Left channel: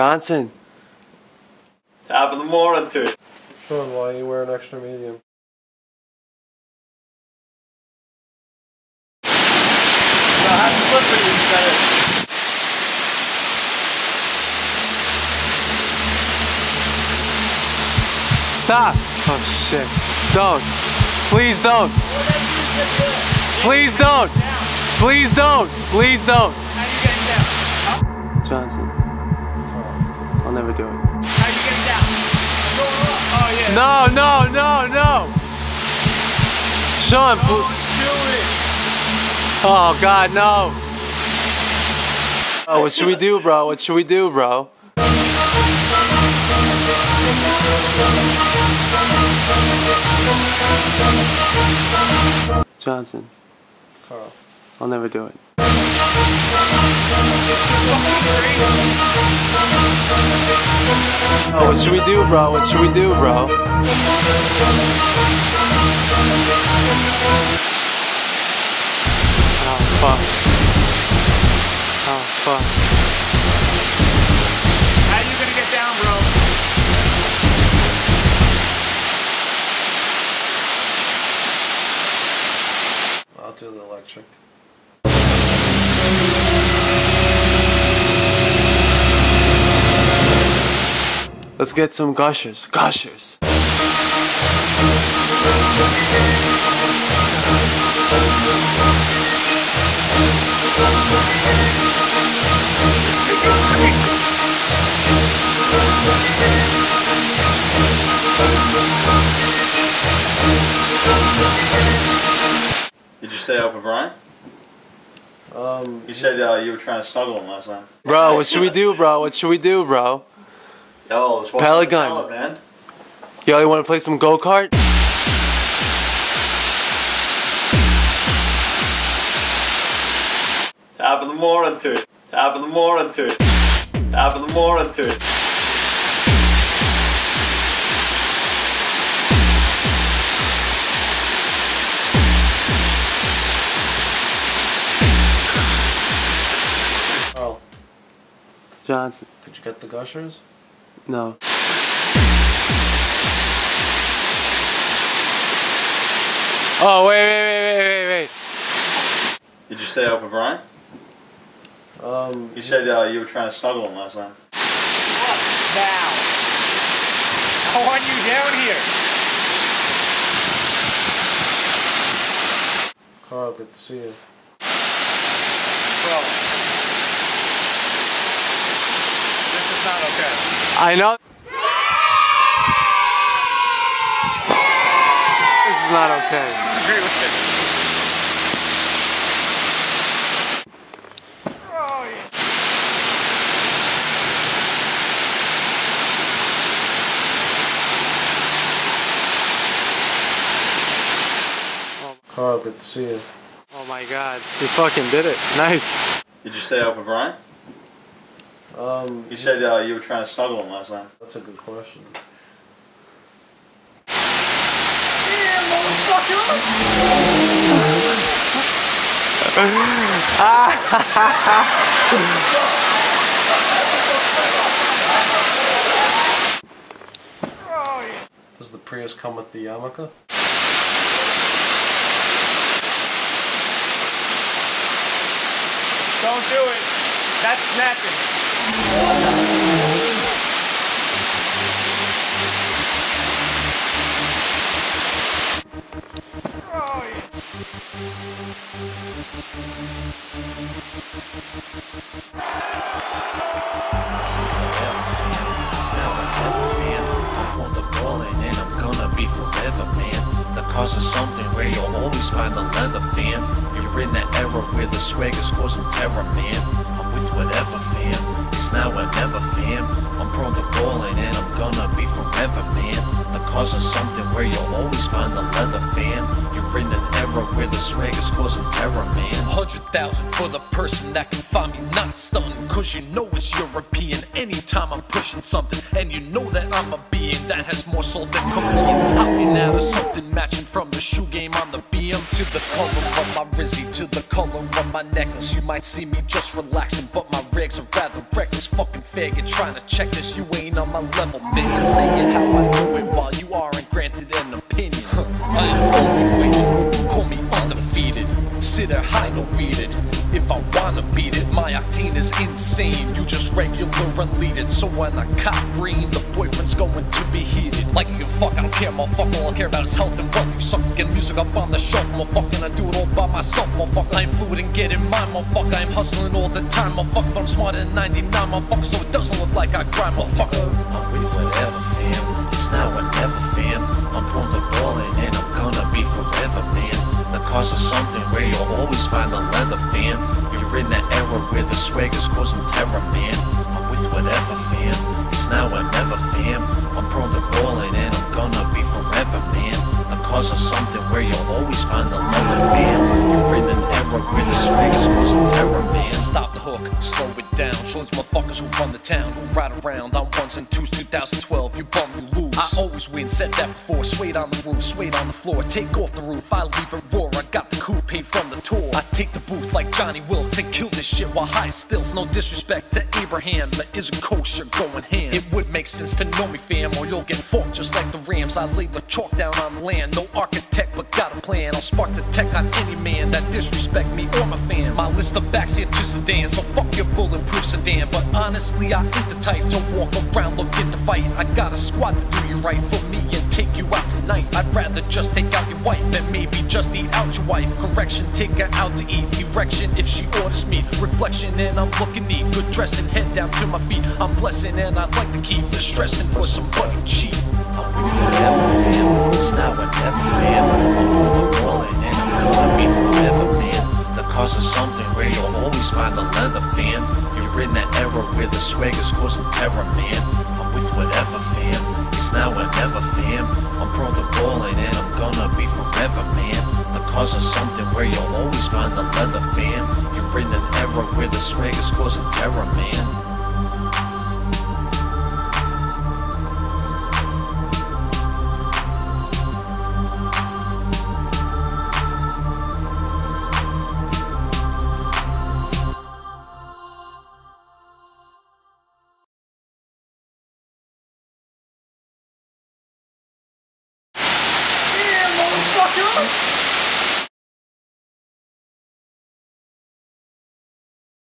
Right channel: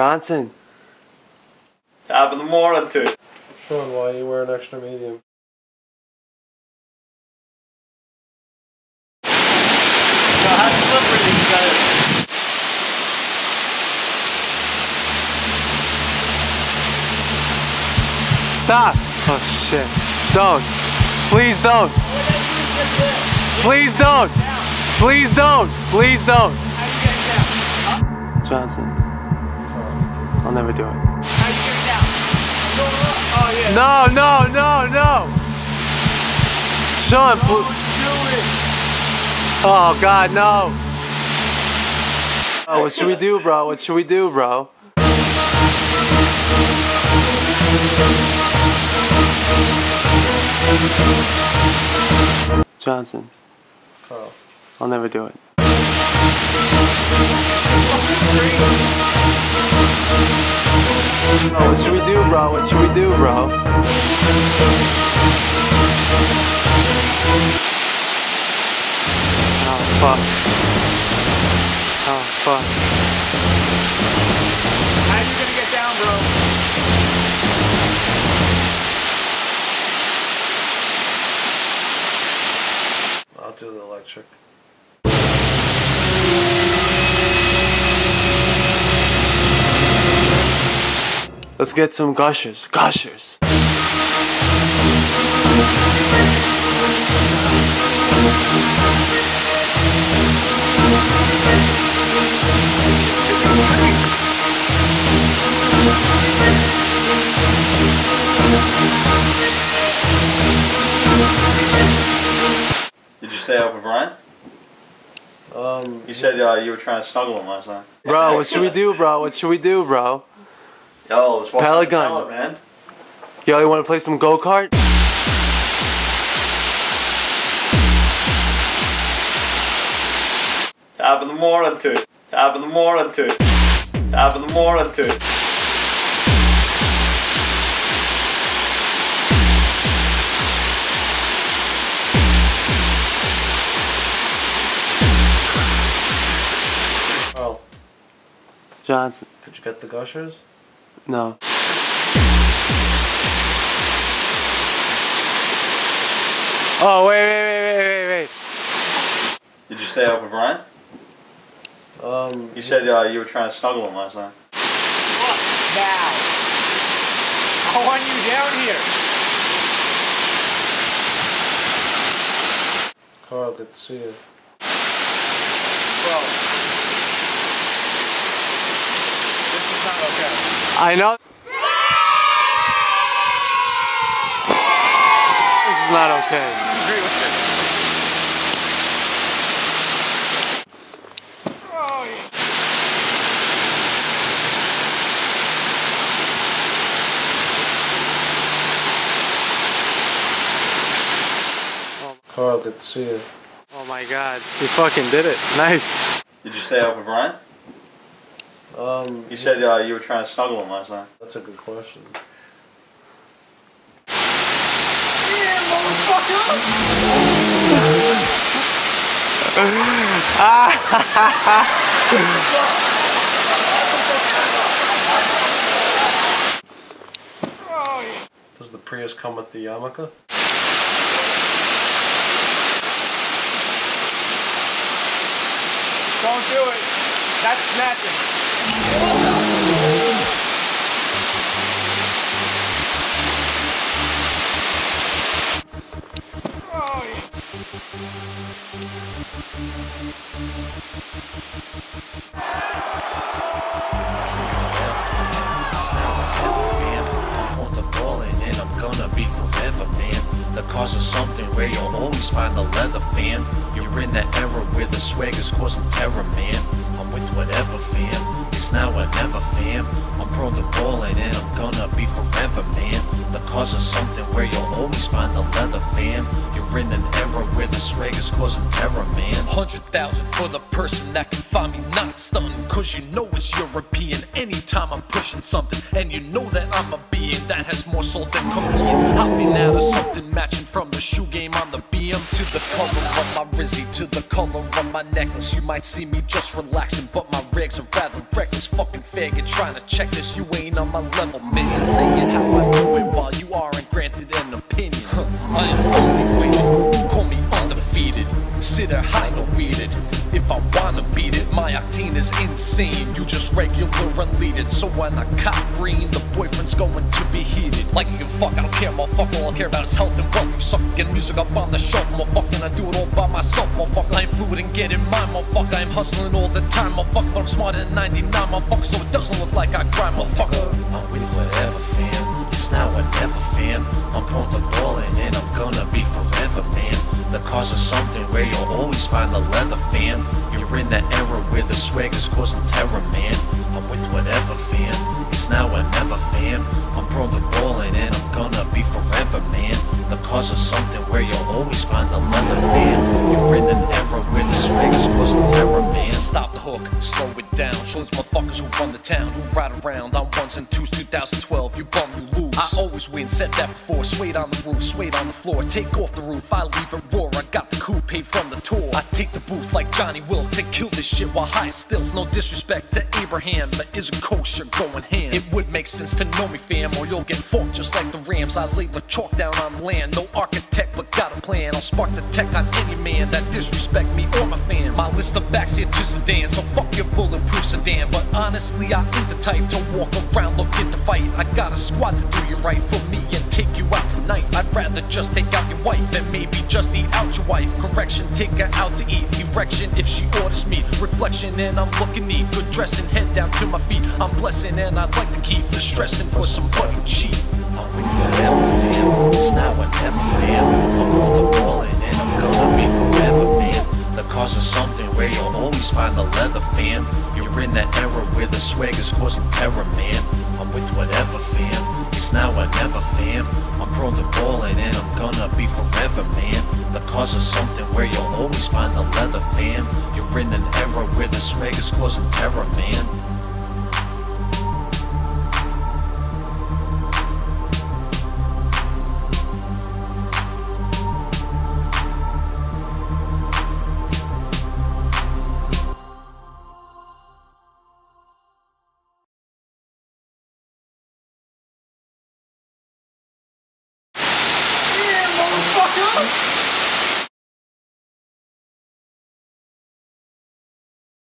Johnson. Top of the morning to you. Sean, why you wear an extra medium? So how slippery is that? Stop! Oh shit. Don't. Please don't. Please don't. Please don't. Please don't. Johnson. I'll never do it. No, no, no, no. Sean, oh God, no. Oh, what should we do, bro? What should we do, bro? Johnson. Carl. I'll never do it. Oh, what should we do, bro? What should we do, bro? Oh, fuck. Oh, fuck. How are you gonna get down, bro? I'll do the electric. Let's get some gushers. Gushers. Did you stay up with Brian? You said you were trying to snuggle him last night. Bro, what should we do, bro? What should we do, bro? Yo, let's watch Pellet the gun. pellet, man. Yo, you wanna play some go-kart? Top of the morning to you. Top of the morning to you. Top of the morning to you. Oh. Johnson. Did you get the gushers? No. Oh, wait. Did you stay up with Brian? You said you were trying to snuggle him last night. What now? How are you down here? Carl, good to see you. Bro. This is not okay. I know. This is not okay. Oh, yeah. Carl, good to see you. Oh my God, you fucking did it. Nice. Did you stay up with Brian? You said you were trying to snuggle him last night. That's a good question. Yeah, motherfucker! Oh, yeah. Does the Prius come with the yarmulke? Don't do it. That's snapping. Oh, yeah. Forever, man. The cause is something where you'll always find the leather, fam. You're in that era where the swag is causing terror, man. I'm with whatever, fam. It's now or never, fam. I'm prone to balling and I'm gonna be forever, man. The cause is something where you'll always find the leather, fam. You're You're in an era where the swag is causing terror, man. 100,000 for the person that can find me not stunning, cause you know it's European anytime I'm pushing something. And you know that I'm a being that has more soul than Koreans. Hopping out of something matching from the shoe game on the BM. To the color of my Rizzy, to the color of my necklace. You might see me just relaxing, but my rigs are rather reckless. Fucking faggot trying to check this, you ain't on my level, man. Say it how I do it while you aren't granted an opinion. I am only winning, call me undefeated. Sit there high, no beat it. If I wanna beat it, my octane is insane. You just regular unleaded. So when I cop green, the boyfriend's going to be heated. Like you can fuck, I don't care, motherfucker. All I care about is health and wealth. You suck, get music up on the shelf, motherfucker. I do it all by myself, motherfucker. I ain't fluid and getting mine, motherfucker. I'm hustling all the time, motherfucker. But I'm smarter than 99, motherfucker. So it doesn't look like I grind, motherfucker. I'm with whatever, fam. It's now or never, fam. I'm prone to balling and I'm gonna be forever, man. The cause is something where you'll always find the leather, fam. You're in that era where the swag is causing terror, man. I'm with whatever, fam. It's now or never, fam. I'm prone to balling and I'm gonna be forever, man. The cause is something where you'll always find the leather, fam. You're in an era where the swag is causing terror, man. Stop the hook, slow it down. Show these motherfuckers who run the town, who ride around on ones and twos. 2012, you bum, you lose. I always win, said that before. Swayed on the roof, swayed on the floor. Take off the roof, I leave it roar. I got the coup paid from the tour. I take the booth like Johnny Wilkes and kill this shit while high stills. No disrespect to Abraham, but is a kosher going ham. It would make sense to know me, fam, or you'll get forked just like the Rams. I lay the chalk down on land, no architect but got a plan. I'll spark the tech on any man that disrespect me or my fam. My list of backs here to sedan, so fuck your bulletproof sedan. But honestly, I ain't the type to walk around looking to fight. I got a squad to do you right for me and take you out tonight. I'd rather just take out your wife than maybe just eat out your wife. Correction, take her out to eat. Erection if she orders me. Reflection and I'm looking neat. Good dressing, head down to my feet. I'm blessing and I'd like to keep the stressing for somebody cheap. I'm with forever, fam. It's now or never, fam. I'm on the rolling and I'm gonna be forever, man. The cause is something where you'll always find the leather, fam. You're in that era where the swag is causing terror, man. I'm with whatever, fam. It's now or never, fam. I'm prone to balling and I'm gonna be forever, man. The cause is something where you'll always find the leather, fam. You're in an era where the swag is causing terror, man.